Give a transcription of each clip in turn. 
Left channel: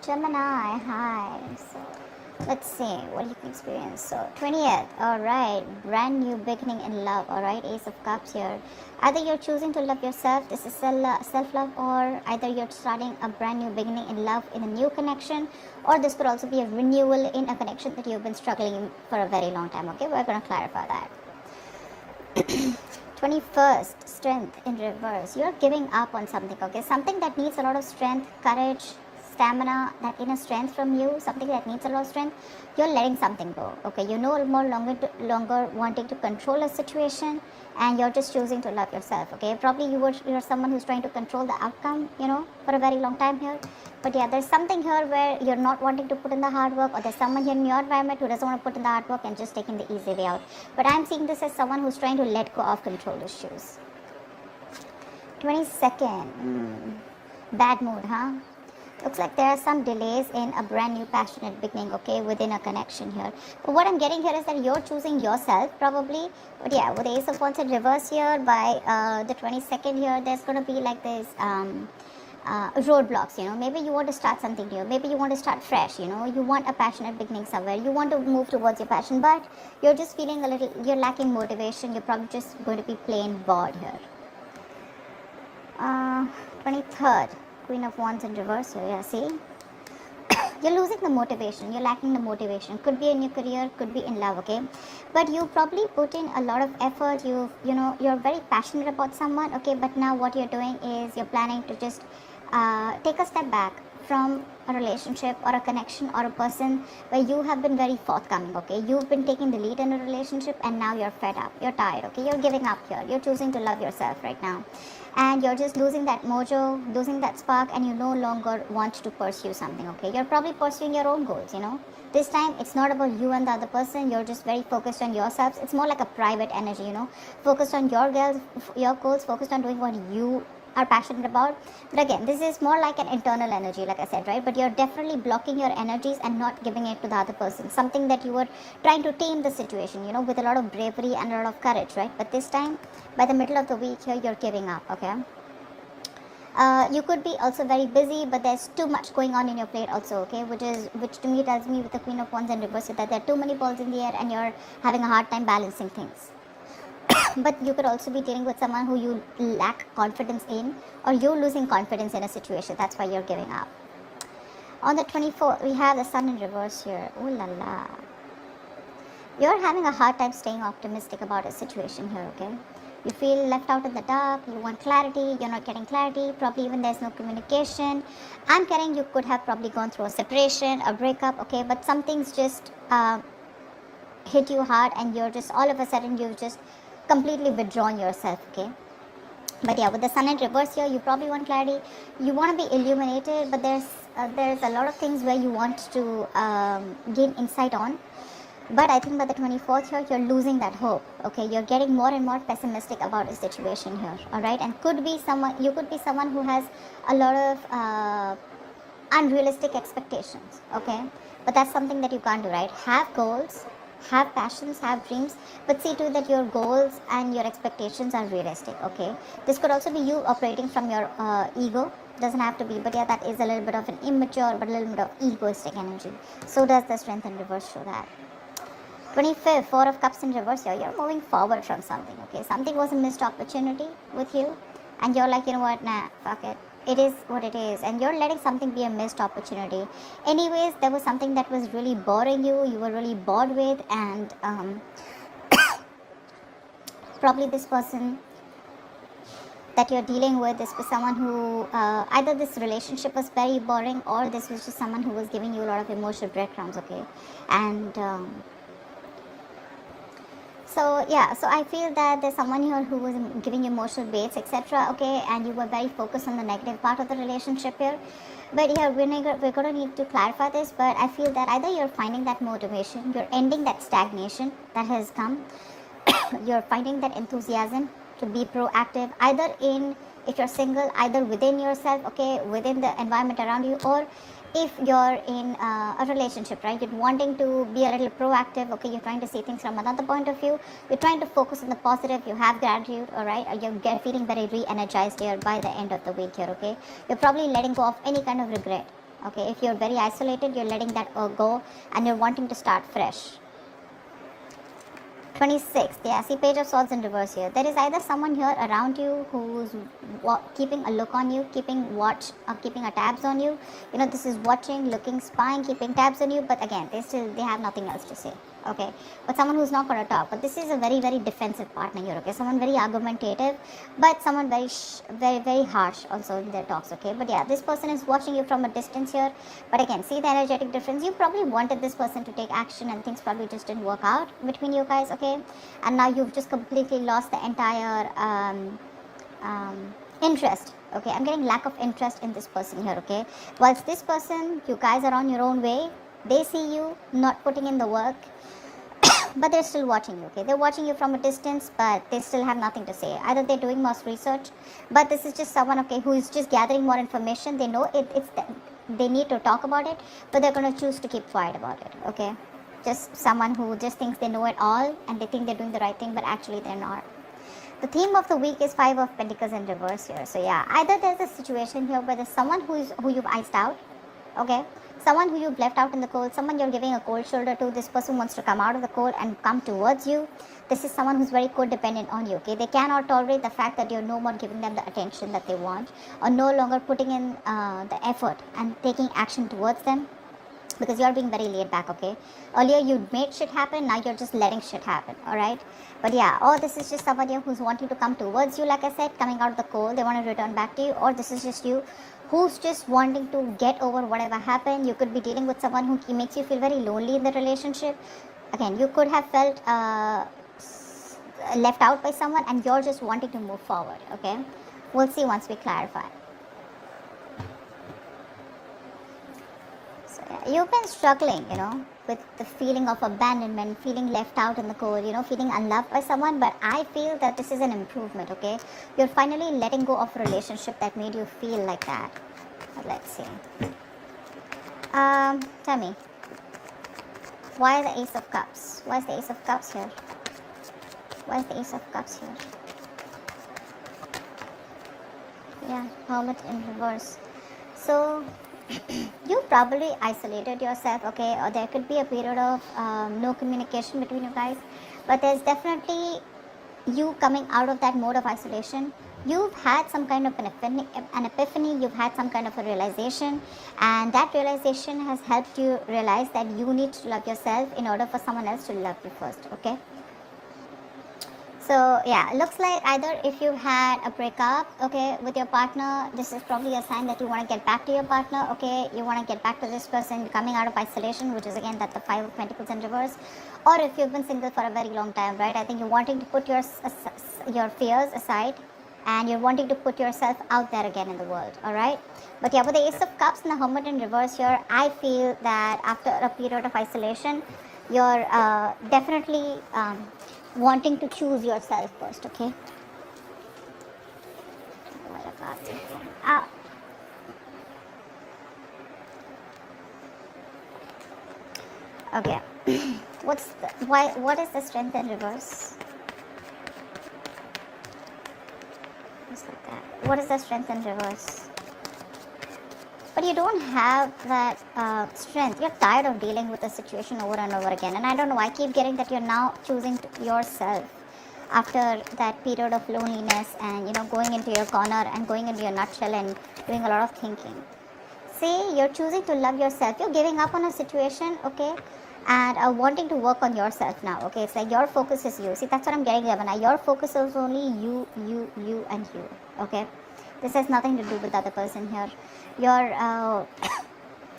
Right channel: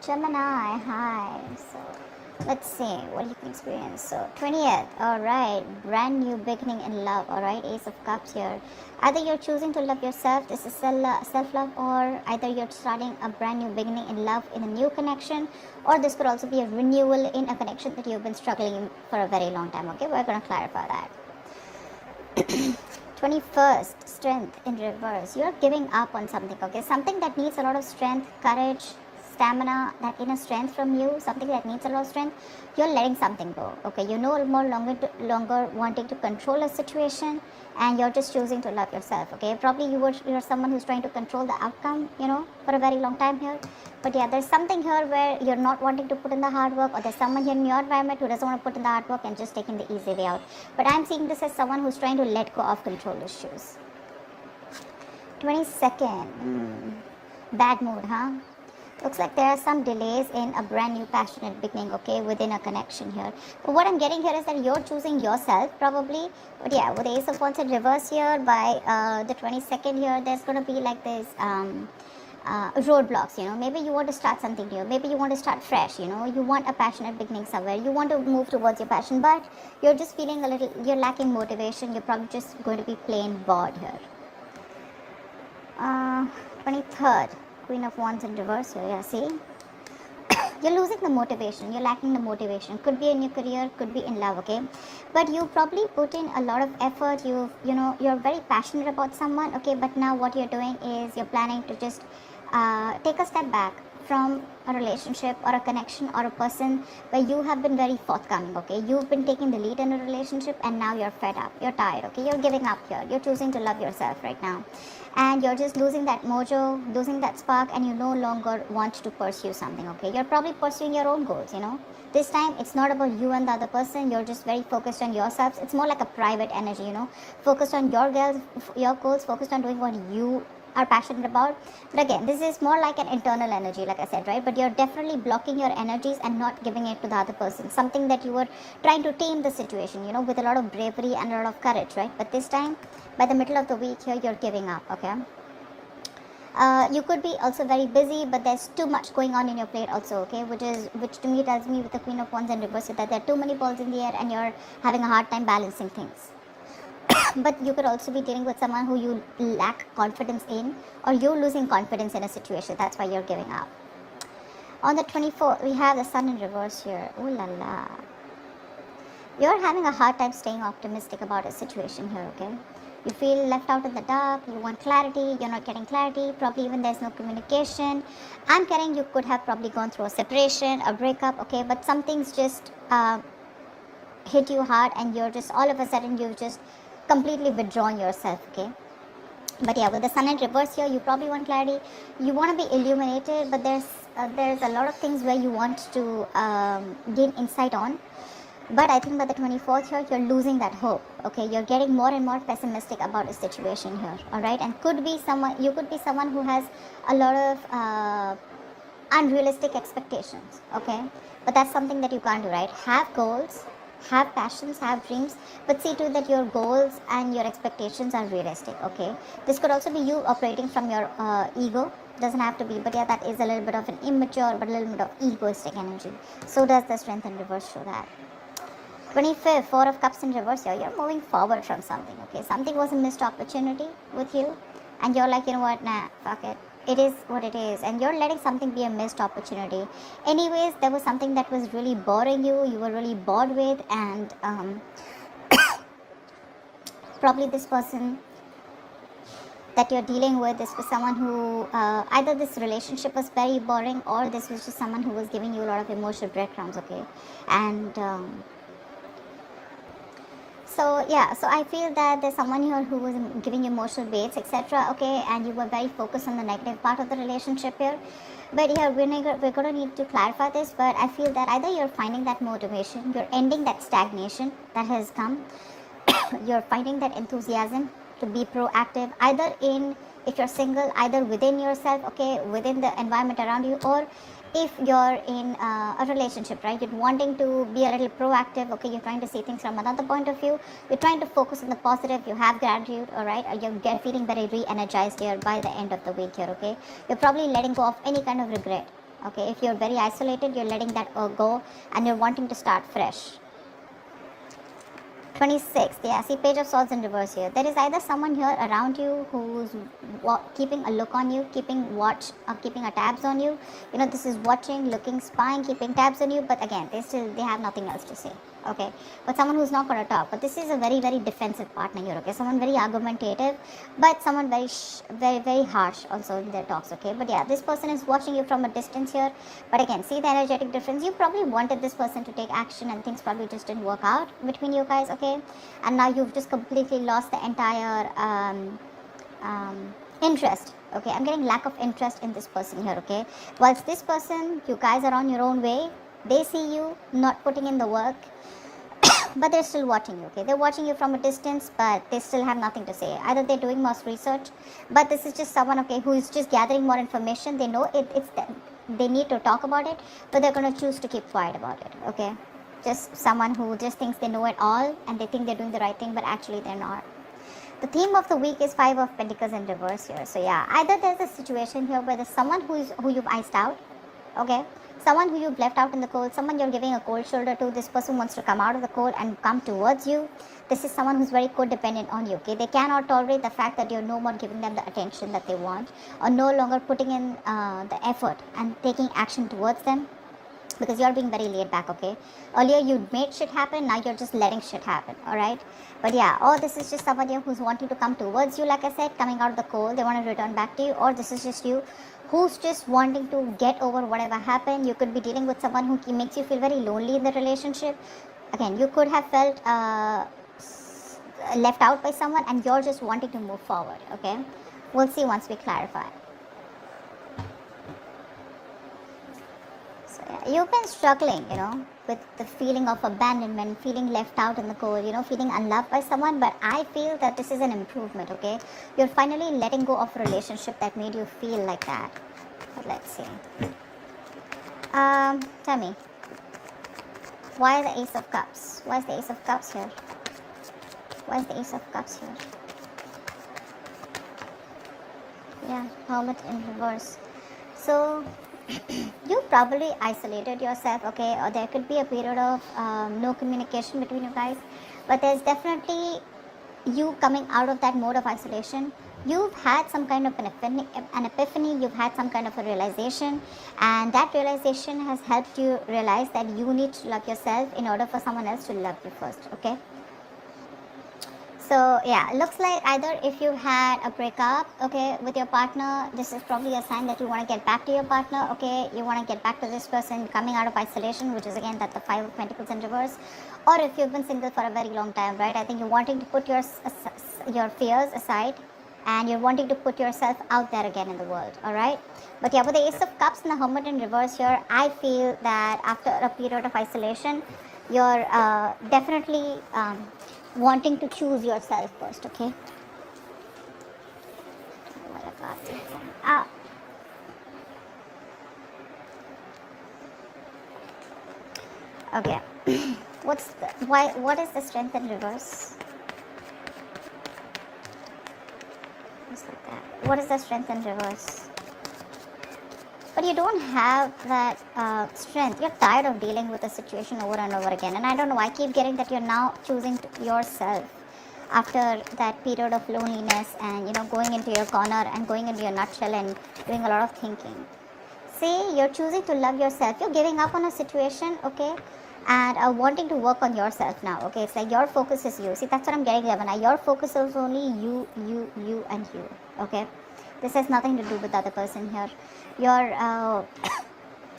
Gemini, hi. So, let's see what you can experience. So, 20th, alright. Brand new beginning in love, alright. Ace of Cups here. Either you're choosing to love yourself, this is self-love, or either you're starting a brand new beginning in love in a new connection, or this could also be a renewal in a connection that you've been struggling in for a very long time, okay? We're going to clarify that. 21st, strength in reverse. You're giving up on something, okay? Something that needs a lot of strength, courage, stamina, that inner strength from you, something that needs a lot of strength. You're letting something go, okay? You're no more longer wanting to control a situation, and you're just choosing to love yourself, okay? Probably you're someone who's trying to control the outcome, for a very long time here. But yeah, there's something here where you're not wanting to put in the hard work, or there's someone here in your environment who doesn't want to put in the hard work and just taking the easy way out. But I'm seeing this as someone who's trying to let go of control issues. 22nd, bad mood, huh? Looks like there are some delays in a brand new passionate beginning, okay, within a connection here. But what I'm getting here is that you're choosing yourself, probably. But yeah, with the Ace of Wands in reverse here, by the 22nd here, there's going to be like this roadblocks, maybe you want to start something new, maybe you want to start fresh, you want a passionate beginning somewhere, you want to move towards your passion, but you're just feeling you're lacking motivation, you're probably just going to be plain bored here. 23rd, Queen of Wands in reverse, so you're seeing you're losing the motivation, you're lacking the motivation. Could be in your career, could be in love, okay? But you probably put in a lot of effort, you're very passionate about someone, okay? But now what you're doing is you're planning to just take a step back from a relationship or a connection or a person where you have been very forthcoming, okay? You've been taking the lead in a relationship, and now you're fed up, you're tired, okay? You're giving up here, you're choosing to love yourself right now, and you're just losing that mojo, losing that spark, and you no longer want to pursue something, okay? You're probably pursuing your own goals, This time it's not about you and the other person, you're just very focused on yourselves. It's more like a private energy, focused on your goals, focused on doing what you are passionate about. But again, this is more like an internal energy, like I said, right? But you're definitely blocking your energies and not giving it to the other person, something that you were trying to tame the situation, with a lot of bravery and a lot of courage, right? But this time, by the middle of the week here, you're giving up, okay? You could be also very busy, but there's too much going on in your plate also, okay? Which to me tells me, with the Queen of Wands in reverse, that there are too many balls in the air and you're having a hard time balancing things. But you could also be dealing with someone who you lack confidence in, or you're losing confidence in a situation. That's why you're giving up. On the 24th, we have the Sun in reverse here. Ooh la la. You're having a hard time staying optimistic about a situation here, okay? You feel left out in the dark, you want clarity, you're not getting clarity, probably even there's no communication. I'm getting you could have probably gone through a separation, a breakup, okay? But something's just hit you hard, and you're just, all of a sudden, you've just completely withdrawn yourself, okay? But yeah, with the Sun in reverse here, you probably want clarity, you want to be illuminated, but there's a lot of things where you want to gain insight on. But I think by the 24th here, you're losing that hope, okay? You're getting more and more pessimistic about the situation here, alright? And you could be someone who has a lot of unrealistic expectations, okay? But that's something that you can't do, right? Have goals, have passions, have dreams, but see to it that your goals and your expectations are realistic, okay? This could also be you operating from your ego. Doesn't have to be, but yeah, that is a little bit of an immature, but a little bit of egoistic energy. So does the Strength in reverse show that. 25th, Four of Cups in reverse here. You're moving forward from something, okay? Something was a missed opportunity with you, and you're like, you know what, nah, fuck it. It is what it is, and you're letting something be a missed opportunity. Anyways, there was something that was really boring you were really bored with, and probably this person that you're dealing with, this was someone who, either this relationship was very boring, or this was just someone who was giving you a lot of emotional breadcrumbs, okay? And so I feel that there's someone here who was giving you emotional weights, etc., okay, and you were very focused on the negative part of the relationship here. But yeah, we're going to need to clarify this, but I feel that either you're finding that motivation, you're ending that stagnation that has come, you're finding that enthusiasm to be proactive, either if you're single, either within yourself, okay, within the environment around you, or if you're in a relationship, right? You're wanting to be a little proactive, okay? You're trying to see things from another point of view. You're trying to focus on the positive. You have gratitude, all right? Or you're feeling very re-energized here by the end of the week here, okay? You're probably letting go of any kind of regret. Okay, if you're very isolated, you're letting that go and you're wanting to start fresh. 26, yeah, see page of swords in reverse here. There is either someone here around you who's keeping a look on you, keeping watch or keeping a tabs on you. You know, this is watching, looking, spying, keeping tabs on you, but again, they have nothing else to say. Okay, but someone who's not going to talk. But this is a very, very defensive partner here. Okay, someone very argumentative, but someone very, very harsh also in their talks. Okay, but yeah, this person is watching you from a distance here. But again, see the energetic difference. You probably wanted this person to take action, and things probably just didn't work out between you guys. Okay, and now you've just completely lost the entire interest. Okay, I'm getting lack of interest in this person here. Okay, whilst this person, you guys are on your own way. They see you not putting in the work. But they're still watching you, okay? They're watching you from a distance, but they still have nothing to say. Either they're doing more research, but this is just someone, okay, who is just gathering more information. They know they need to talk about it, but they're going to choose to keep quiet about it, okay? Just someone who just thinks they know it all, and they think they're doing the right thing, but actually they're not. The theme of the week is 5 of Pentacles in reverse here. So yeah, either there's a situation here where there's someone who you've iced out, okay? Someone who you've left out in the cold, someone you're giving a cold shoulder to. This person wants to come out of the cold and come towards you. This is someone who's very codependent on you, okay? They cannot tolerate the fact that you're no more giving them the attention that they want, or no longer putting in the effort and taking action towards them, because you're being very laid back, okay? Earlier you made shit happen, now you're just letting shit happen, alright? But yeah, or this is just somebody who's wanting to come towards you, like I said, coming out of the cold, they want to return back to you, or this is just you who's just wanting to get over whatever happened. You could be dealing with someone who makes you feel very lonely in the relationship. Again, you could have felt left out by someone, and you're just wanting to move forward, okay? We'll see once we clarify. So yeah, you've been struggling, you know, with the feeling of abandonment, feeling left out in the cold, you know, feeling unloved by someone, but I feel that this is an improvement, okay? You're finally letting go of a relationship that made you feel like that. Let's see. Tell me, why the Ace of Cups? Why is the Ace of Cups here? Why is the Ace of Cups here? Yeah, Hermit in reverse. So you probably isolated yourself, okay, or there could be a period of no communication between you guys, but there's definitely you coming out of that mode of isolation. You've had some kind of an epiphany, you've had some kind of a realization, and that realization has helped you realize that you need to love yourself in order for someone else to love you first, okay? So yeah, looks like either if you've had a breakup, okay, with your partner, this is probably a sign that you want to get back to your partner, okay, you want to get back to this person coming out of isolation, which is again that the 5 of Pentacles in reverse. Or if you've been single for a very long time, right, I think you're wanting to put your fears aside, and you're wanting to put yourself out there again in the world, alright? But yeah, with the Ace of Cups and the Hermit in reverse here, I feel that after a period of isolation, you're definitely wanting to choose yourself first, okay? Okay. What is the Strength in reverse? What is the Strength in reverse? But you don't have that strength. You're tired of dealing with the situation over and over again. And I don't know, I keep getting that you're now choosing yourself after that period of loneliness and, you know, going into your corner and going into your nutshell and doing a lot of thinking. See, you're choosing to love yourself. You're giving up on a situation, okay? And wanting to work on yourself now, okay? It's like your focus is you. See, that's what I'm getting here. Now, your focus is only you, and you, okay? This has nothing to do with the other person here. You're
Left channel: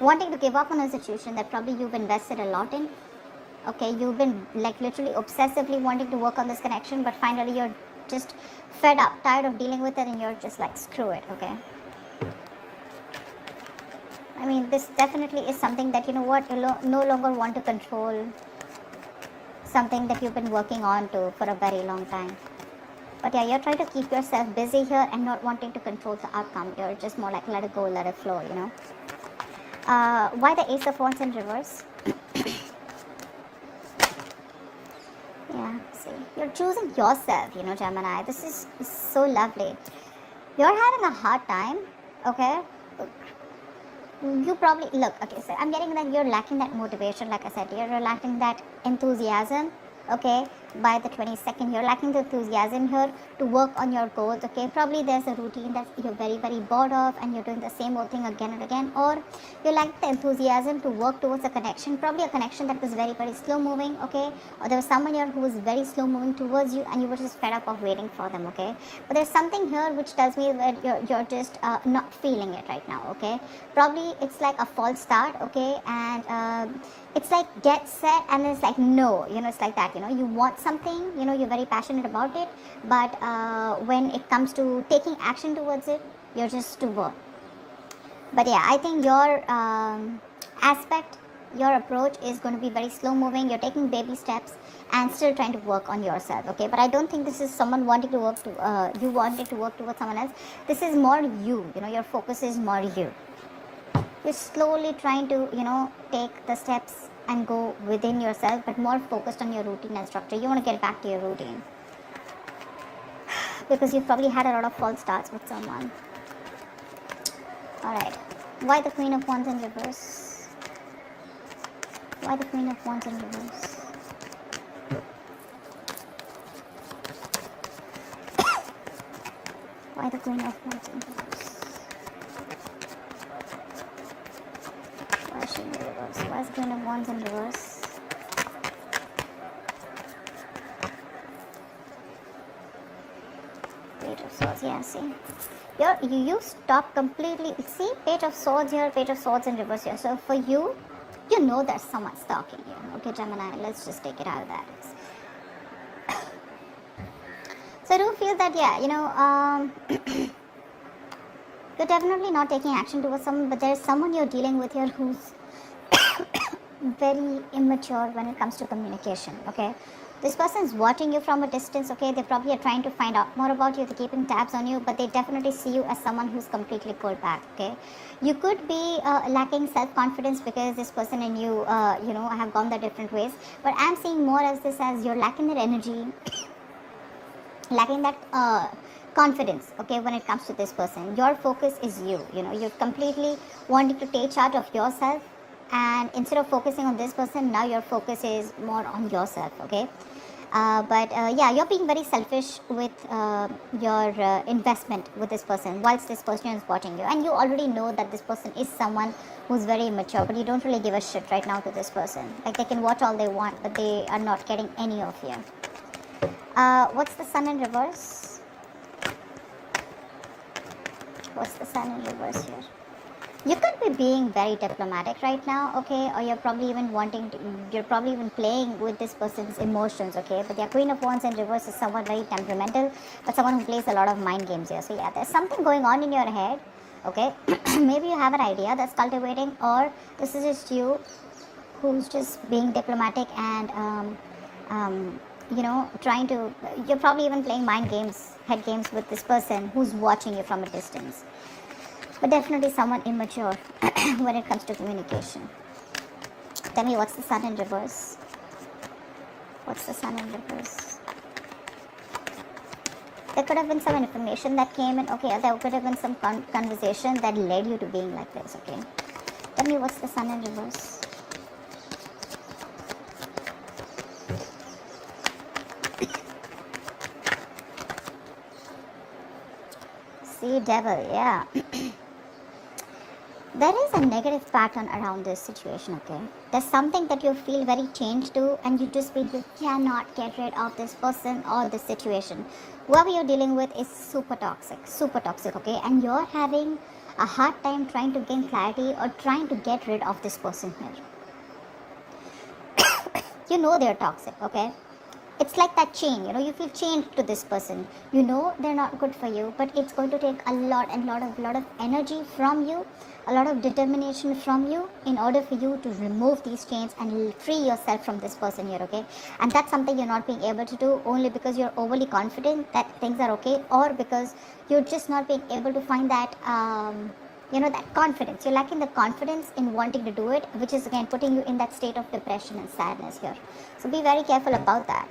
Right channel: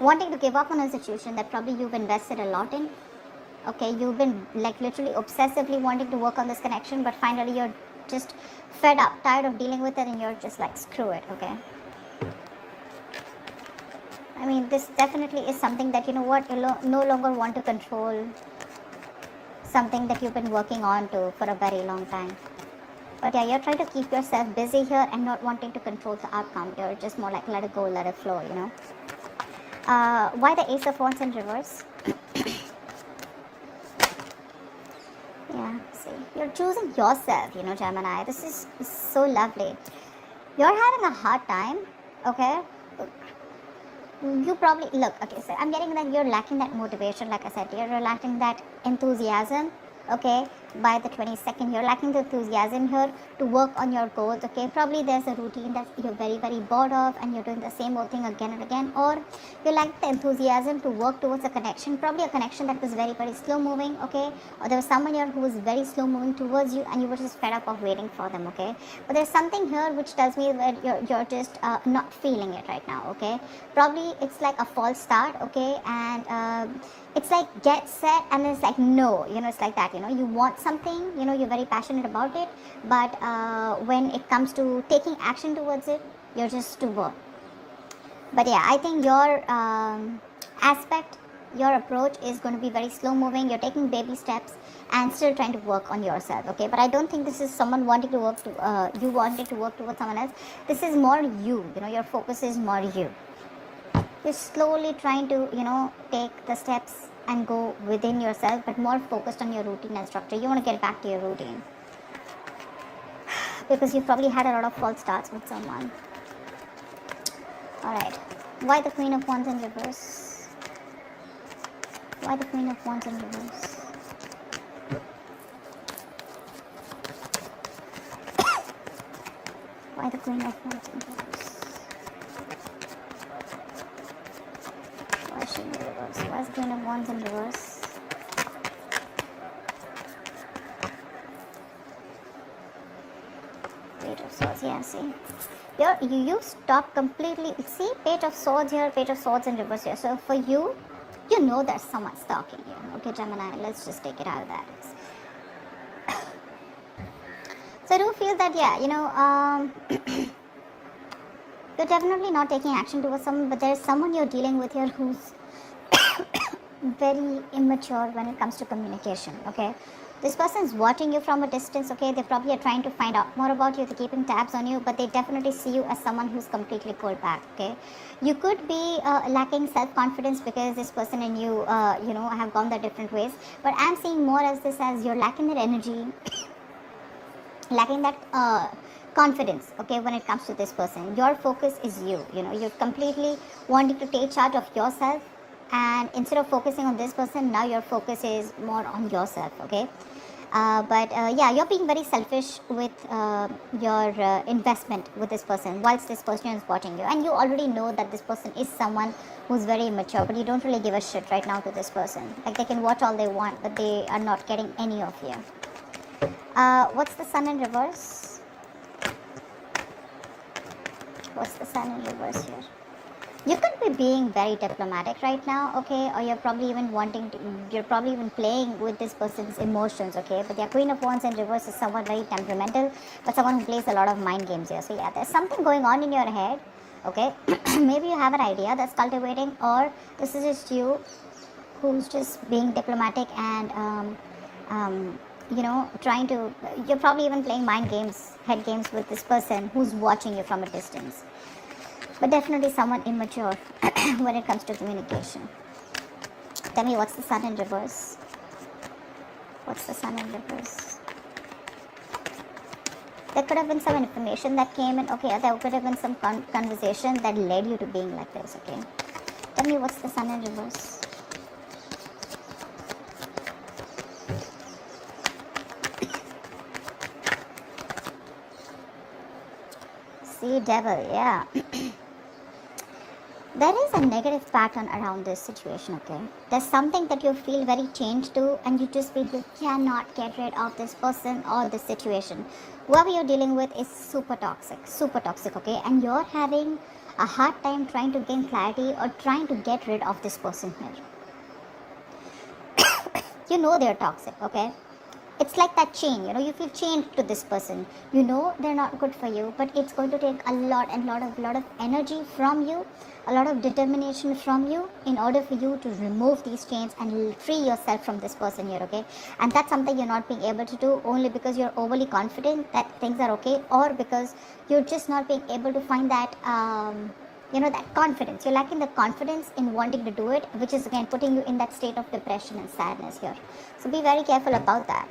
wanting to give up on a situation that probably you've invested a lot in. Okay, you've been like literally obsessively wanting to work on this connection, but finally you're just fed up, tired of dealing with it, and you're just like, screw it, okay? I mean, this definitely is something that, you know what, you no longer want to control. Something that you've been working on for a very long time. But yeah, you're trying to keep yourself busy here and not wanting to control the outcome. You're just more like let it go, let it flow, you know. Why the Ace of Wands in reverse? Yeah, see, you're choosing yourself, you know, Gemini. This is so lovely. You're having a hard time, okay? you probably look, okay, so I'm getting that you're lacking that motivation. Like I said, you're lacking that enthusiasm. Okay, by the 22nd, you're lacking the enthusiasm here to work on your goals. Okay, probably there's a routine that you're very bored of and you're doing the same old thing again and again, or you lack the enthusiasm to work towards a connection, probably a connection that is very slow moving. Okay, or there was someone here who was very slow moving towards you and you were just fed up of waiting for them. Okay, but there's something here which tells me that you're just not feeling it right now. Okay, probably it's like a false start. Okay, and it's like get set and then it's like no, it's like that. You want something, you're very passionate about it, but when it comes to taking action towards it, you're just too bored. But yeah, I think your your approach is going to be very slow moving. You're taking baby steps and still trying to work on yourself. Okay, but I don't think this is someone wanting to work you wanting to work towards someone else. This is more you. Your focus is more you. You're slowly trying to take the steps and go within yourself, but more focused on your routine and structure. You want to get back to your routine because you probably had a lot of false starts with someone. Alright, why the Queen of Wands in reverse? Why the Queen of Wands in reverse? Why the Queen of Wands in reverse? What's Queen of Wands in reverse? Page of Swords, yeah, see. You stop completely. See, Page of Swords here, Page of Swords in reverse here. So for you, there's someone stalking you. Okay, Gemini, let's just take it out of that. So I do feel that, you're definitely not taking action towards someone, but there's someone you're dealing with here who's very immature when it comes to communication. Okay, this person is watching you from a distance. Okay, they probably are trying to find out more about you, they're keeping tabs on you, but they definitely see you as someone who's completely cold back. Okay, you could be lacking self-confidence because this person and you have gone their different ways, but I'm seeing more as this as you're lacking that energy, lacking that confidence. Okay, when it comes to this person, your focus is you're completely wanting to take charge of yourself, and instead of focusing on this person, now your focus is more on yourself. Okay, but yeah, you're being very selfish with your investment with this person whilst this person is watching you, and you already know that this person is someone who's very immature, but you don't really give a shit right now to this person. Like, they can watch all they want, but they are not getting any of you. What's the Sun in reverse? What's the Sun in reverse here? You could be being very diplomatic right now, okay, or you're probably even playing with this person's emotions, okay, but the Queen of Wands in reverse is someone very temperamental, but someone who plays a lot of mind games here. So yeah, there's something going on in your head, okay, maybe you have an idea that's cultivating, or this is just you who's just being diplomatic and you're probably even playing mind games, head games with this person who's watching you from a distance. But definitely someone immature when it comes to communication. Tell me, what's the Sun in reverse? What's the Sun in reverse? There could have been some information that came in, okay, there could have been some conversation that led you to being like this, okay. Tell me, what's the Sun in reverse? See, Devil, yeah. There is a negative pattern around this situation, okay? There's something that you feel very changed to, and you just feel you cannot get rid of this person or this situation. Whoever you're dealing with is super toxic, okay? And you're having a hard time trying to gain clarity or trying to get rid of this person here. They're toxic, okay? It's like that chain, you feel chained to this person. They're not good for you, but it's going to take a lot of energy from you, a lot of determination from you in order for you to remove these chains and free yourself from this person here, okay? And that's something you're not being able to do only because you're overly confident that things are okay, or because you're just not being able to find that that confidence. You're lacking the confidence in wanting to do it, which is again putting you in that state of depression and sadness here. So be very careful about that,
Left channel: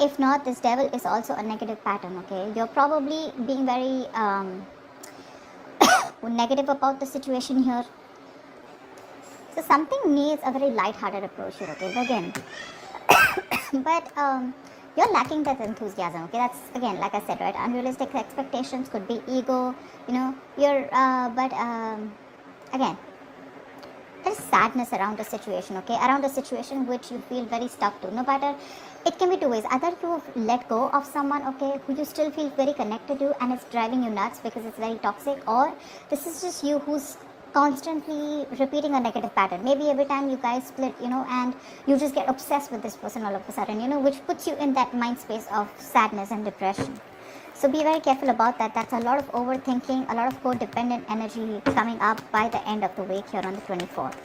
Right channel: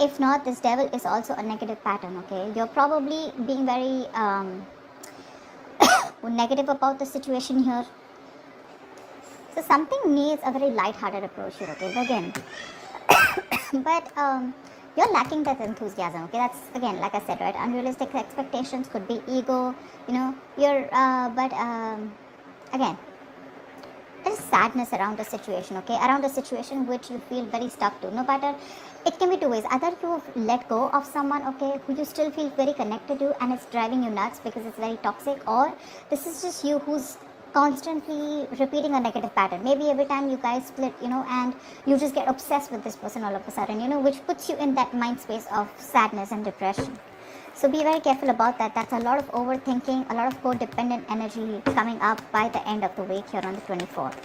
If not, this Devil is also a negative pattern, okay? You're probably being very, negative about the situation here. So something needs a very light-hearted approach here, okay? But again, you're lacking that enthusiasm, okay? That's, again, like I said, right? Unrealistic expectations, could be ego, again, there's sadness around the situation, okay? Around the situation which you feel very stuck to. No matter, it can be two ways. Either you have let go of someone, okay, who you still feel very connected to and it's driving you nuts because it's very toxic, or this is just you who's constantly repeating a negative pattern. Maybe every time you guys split, and you just get obsessed with this person all of a sudden, which puts you in that mind space of sadness and depression. So be very careful about that. That's a lot of overthinking, a lot of codependent energy coming up by the end of the week here on the 24th.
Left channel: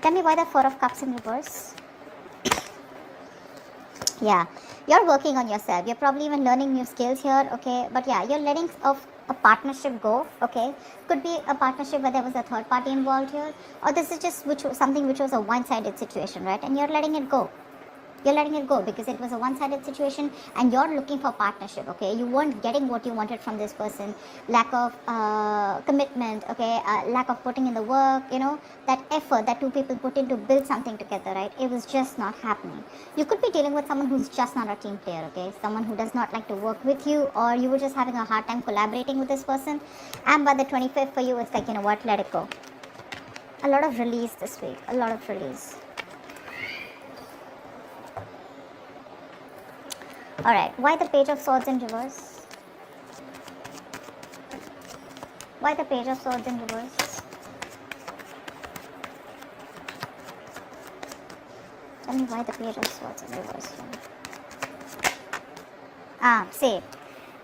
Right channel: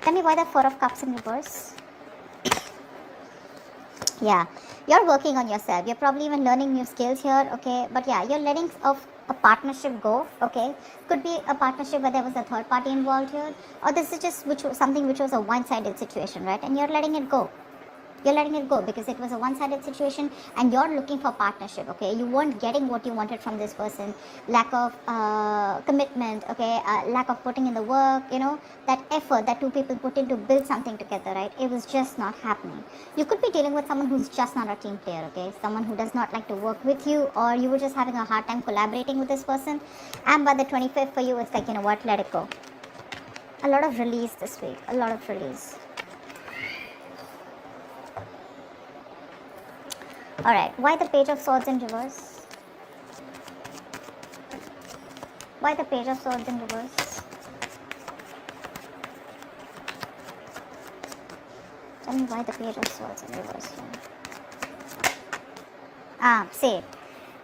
Tell me why the Four of Cups in reverse. Yeah, you're working on yourself. You're probably even learning new skills here, okay? But yeah, you're letting a partnership go, okay? Could be a partnership where there was a third party involved here, or this is just something which was a one-sided situation, right? And you're letting it go. You're letting it go because it was a one-sided situation and you're looking for partnership, okay? You weren't getting what you wanted from this person. Lack of commitment, okay? Lack of putting in the work, that effort that two people put in to build something together, right? It was just not happening. You could be dealing with someone who's just not a team player, okay? Someone who does not like to work with you, or you were just having a hard time collaborating with this person. And by the 25th for you, it's like, you know what? Let it go. A lot of release this week. A lot of release. Alright, why the Page of Swords in reverse? Why the Page of Swords in reverse? Tell me why the Page of Swords in reverse. Say,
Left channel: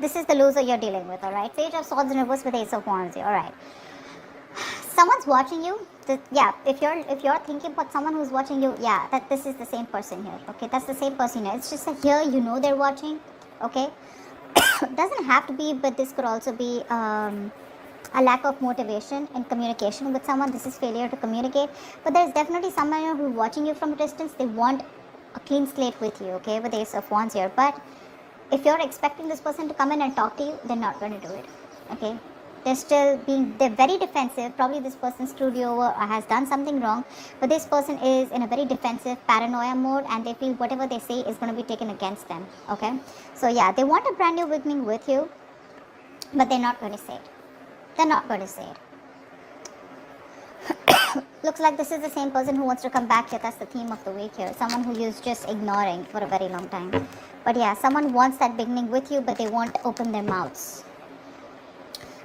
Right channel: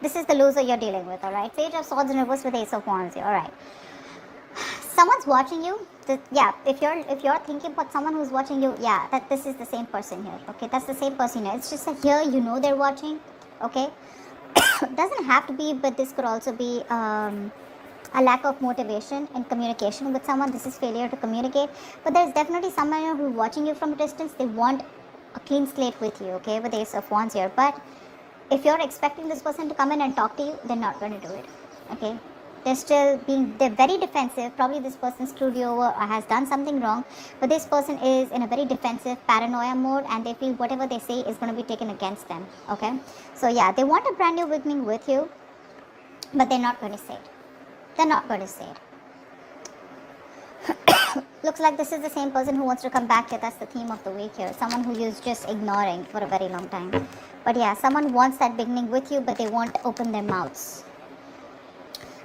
this is the loser you're dealing with, alright? Page of Swords in reverse with Ace of Wands, alright. Someone's watching you. If you're thinking about someone who's watching you, that this is the same person here, okay? That's the same person here. It's just that here they're watching, okay? Doesn't have to be, but this could also be a lack of motivation in communication with someone. This is failure to communicate. But there's definitely someone who's watching you from a distance. They want a clean slate with you, okay? With the Ace of Wands here. But if you're expecting this person to come in and talk to you, they're not going to do it, okay? They're very defensive. Probably this person screwed you over or has done something wrong. But this person is in a very defensive paranoia mode and they feel whatever they say is going to be taken against them. Okay? So yeah, they want a brand new beginning with you. But they're not going to say it. They're not going to say it. Looks like this is the same person who wants to come back here. That's the theme of the week here. Someone who is just ignoring for a very long time. But yeah, someone wants that beginning with you but they won't open their mouths.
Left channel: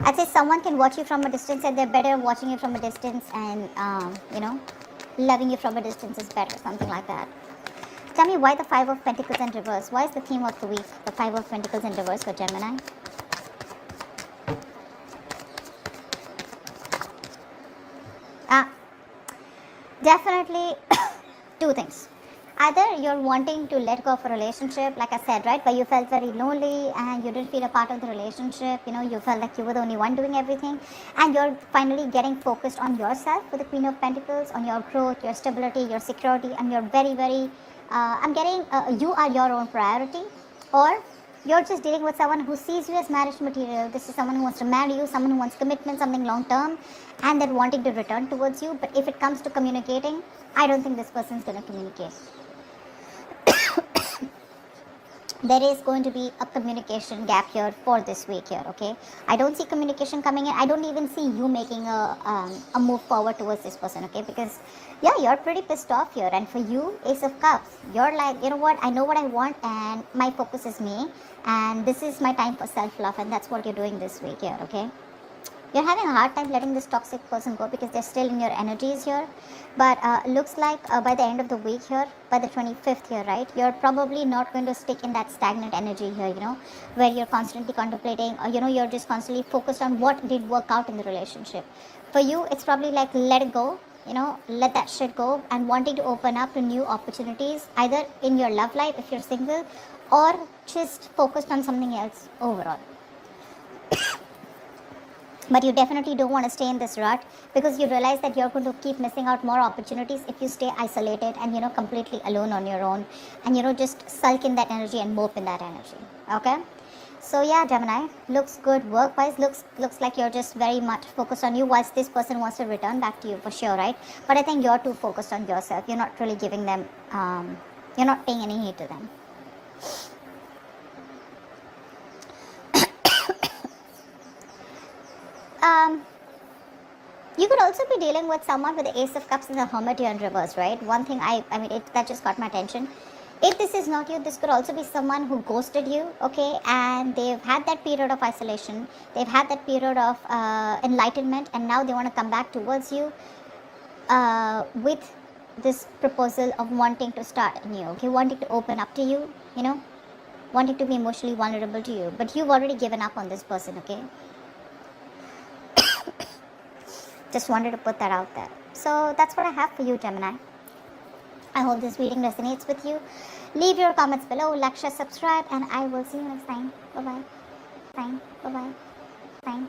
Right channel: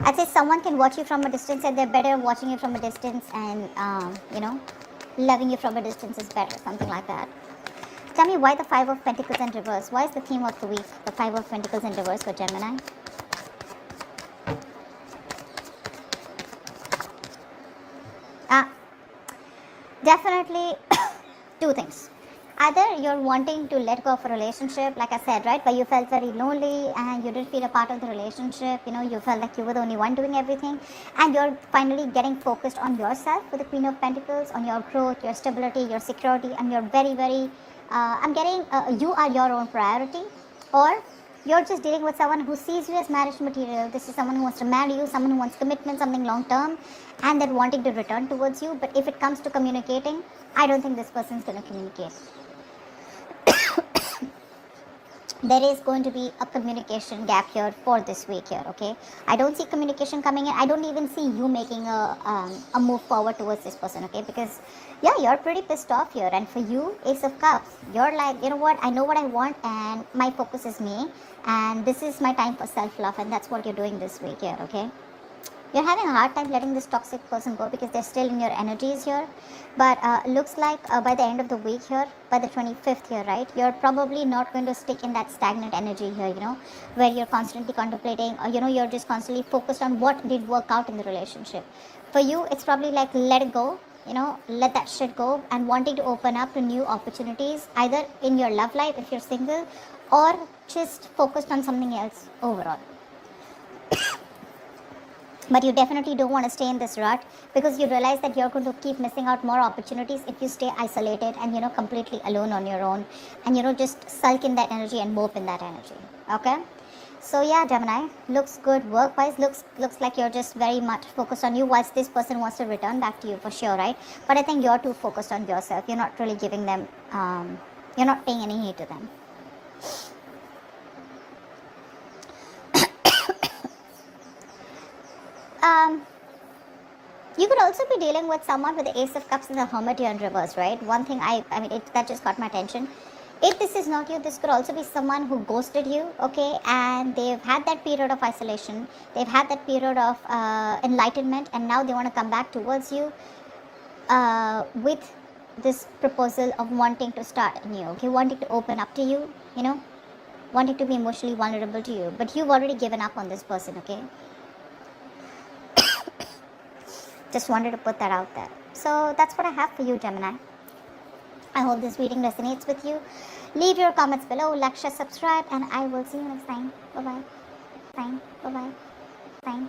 I'd say someone can watch you from a distance and they're better watching you from a distance and, loving you from a distance is better, something like that. Tell me why the Five of Pentacles in reverse. Why is the theme of the week the Five of Pentacles in reverse for Gemini? Definitely two things. Either you're wanting to let go of a relationship, like I said, right, where you felt very lonely and you didn't feel a part of the relationship, you felt like you were the only one doing everything, and you're finally getting focused on yourself with the Queen of Pentacles, on your growth, your stability, your security, and you're very, very, you are your own priority, or you're just dealing with someone who sees you as marriage material. This is someone who wants to marry you, someone who wants commitment, something long term, and they're wanting to return towards you. But if it comes to communicating, I don't think this person is going to communicate. There is going to be a communication gap here for this week here, okay? I don't see communication coming in. I don't even see you making a move forward towards this person, okay? Because, yeah, you're pretty pissed off here. And for you, Ace of Cups, you're like, you know what? I know what I want and my focus is me. And this is my time for self-love. And that's what you're doing this week here, okay? You're having a hard time letting this toxic person go because they're still in your energies here. But looks like by the end of the week here, by the 25th here, right, you're probably not going to stick in that stagnant energy here, where you're constantly contemplating or, you're just constantly focused on what did work out in the relationship. For you, it's probably like let it go, let that shit go and wanting to open up to new opportunities, either in your love life if you're single or just focus on something else overall. But you definitely don't want to stay in this rut because you realize that you're going to keep missing out more opportunities if you stay isolated and, completely alone on your own and, just sulk in that energy and move in that energy. Okay? So yeah, Gemini, looks good. Work-wise, looks like you're just very much focused on you. Whilst this person wants to return back to you for sure, right? But I think you're too focused on yourself. You're not really giving them. You're not paying any heed to them. You could also be dealing with someone with the Ace of Cups and the Hermit here in reverse, right? One thing that just got my attention. If this is not you, this could also be someone who ghosted you, okay? And they've had that period of isolation. They've had that period of enlightenment, and now they want to come back towards you with this proposal of wanting to start anew, okay? Wanting to open up to you, you know? Wanting to be emotionally vulnerable to you. But you've already given up on this person, okay? Just wanted to put that out there. So that's what I have for you, Gemini. I hope this reading resonates with you. Leave your comments below, like, share, subscribe, and I will see you next time. Bye-bye. Bye. Bye-bye. Bye.